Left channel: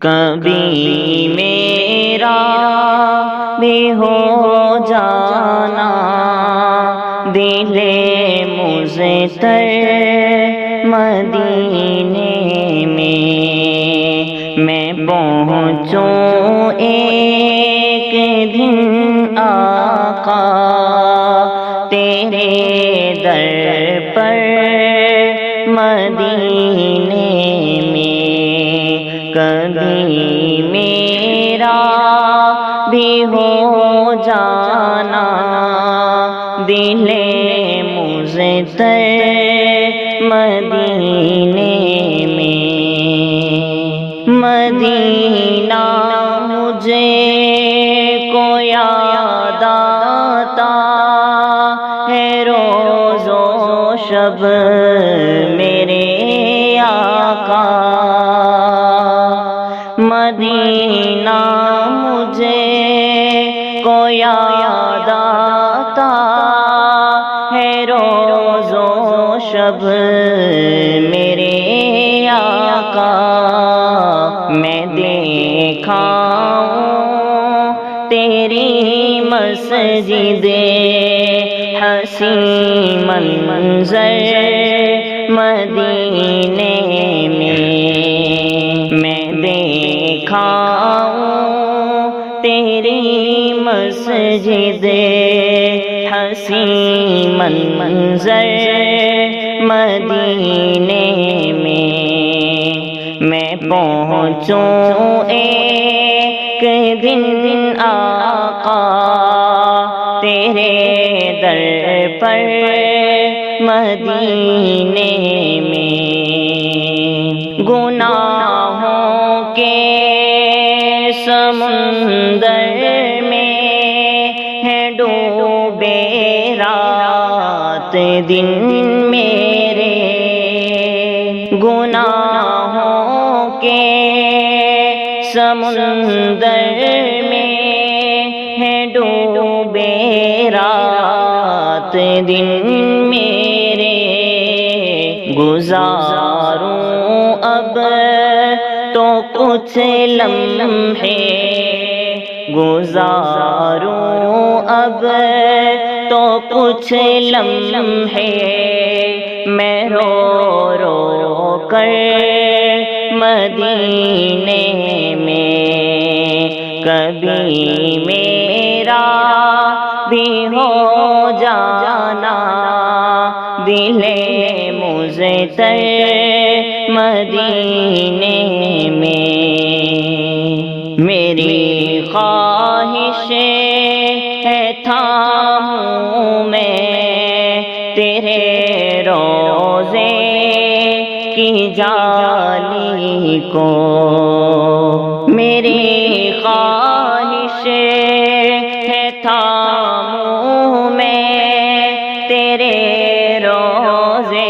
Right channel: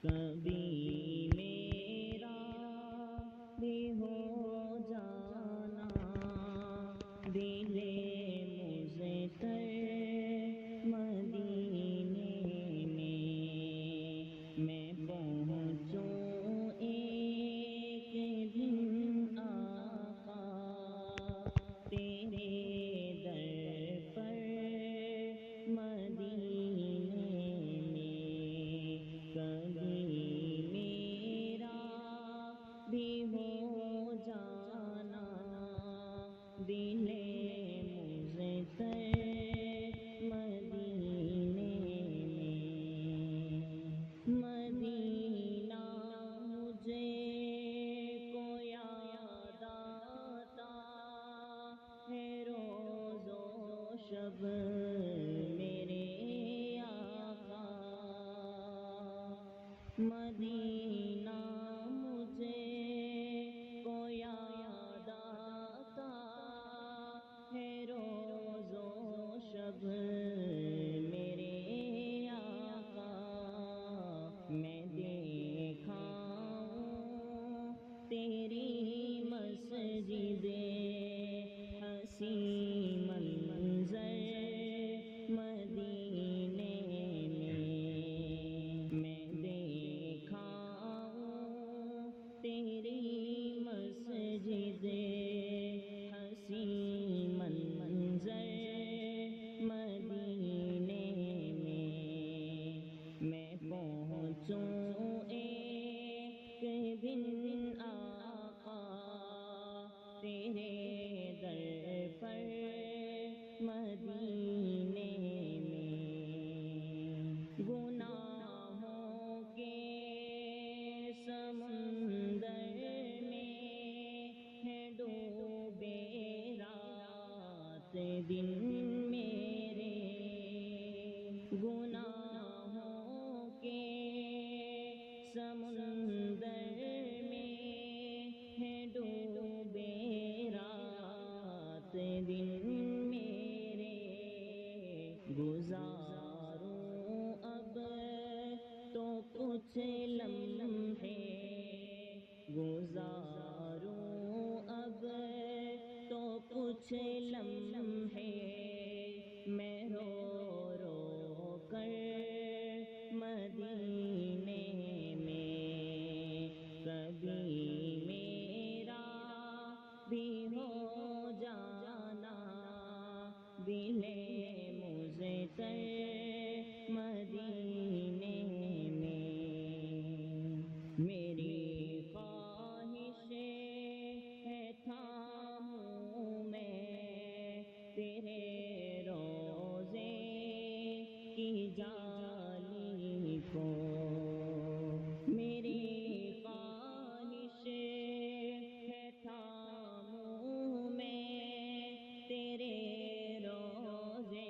کبھی میرا بھی ہو جانا دل مضطر مدینے میں پہنچوں ایک دن آقا تیرے در پر مدینے میں کبھی میرا بھی ہو جانا دل مضطر مدینے میں مدینہ مجھے کو یاد آتا ہے روز و شب میرے آقا مدینہ مجھے کو یاد آتا ہے روز و شب میرے آقا میں دیکھا ہوں تیری مسجد حسین منظر مدینے میں دیکھا ہوں تیری مسجد حسین منظر مدینے میں پہنچوں ایک دن آقا تیرے در پر مدینے میں گناہوں کے سمندر میں ہے ڈوبے رات دن میرے گناہوں کے سمندر میں ہے ڈوبے رات دن میرے گزاروں اب تو کچھ لمحے گزاروں اب تو کچھ لمحے میں رو رو کر مدینے میں کبھی میرا بھی ہو جانا دل مضطر مدینے میں میری خواہش ہے تھاموں میں تیرے روزے کی جالی کو میری خواہش ہے تھاموں میں تیرے روزے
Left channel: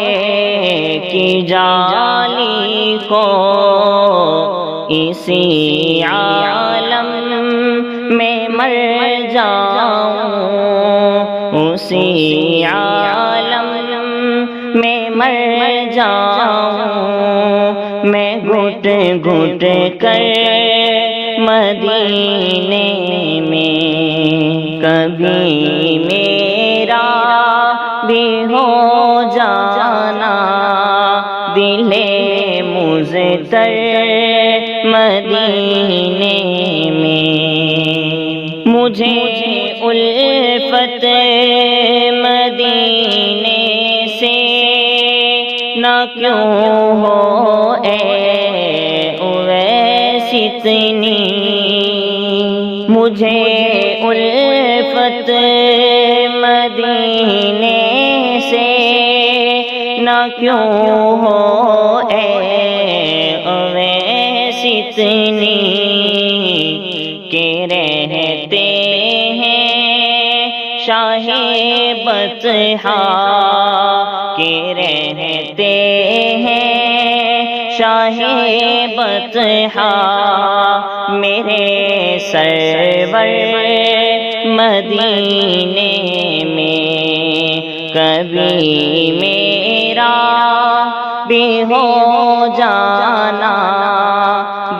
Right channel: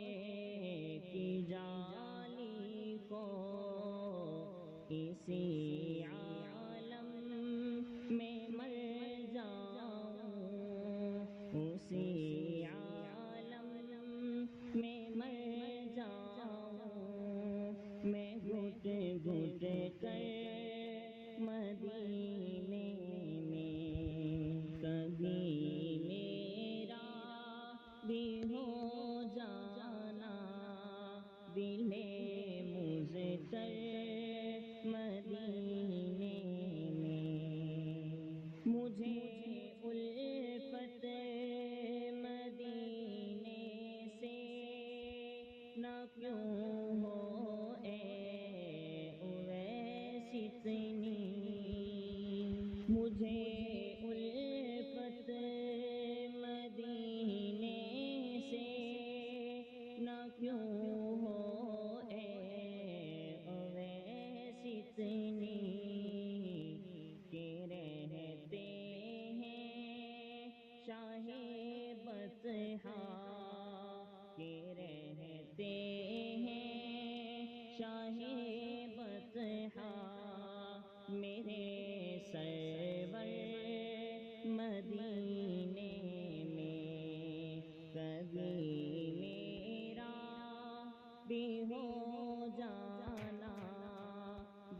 کی جالی کو اسی عالم میں مر جاؤں اسی عالم میں مر جاؤں میں گھٹ گھٹ کر مدینے میں کبھی میرا بھی ہو جانا دل مضطر مدینے میں مجھے الفت مدینے سے نہ کیوں ہو اے اویس اتنی مجھے الفت مدینے سے نہ کیوں ہو اے اویس اتنی کہ رہتے ہیں شاہ بطحا کہ رہتے ہیں شاہ بطحا میرے سرور مدینے میں کبھی میرا بھی ہو جانا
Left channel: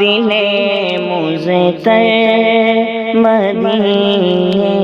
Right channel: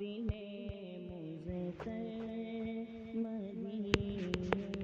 دل مجھ تر مدینے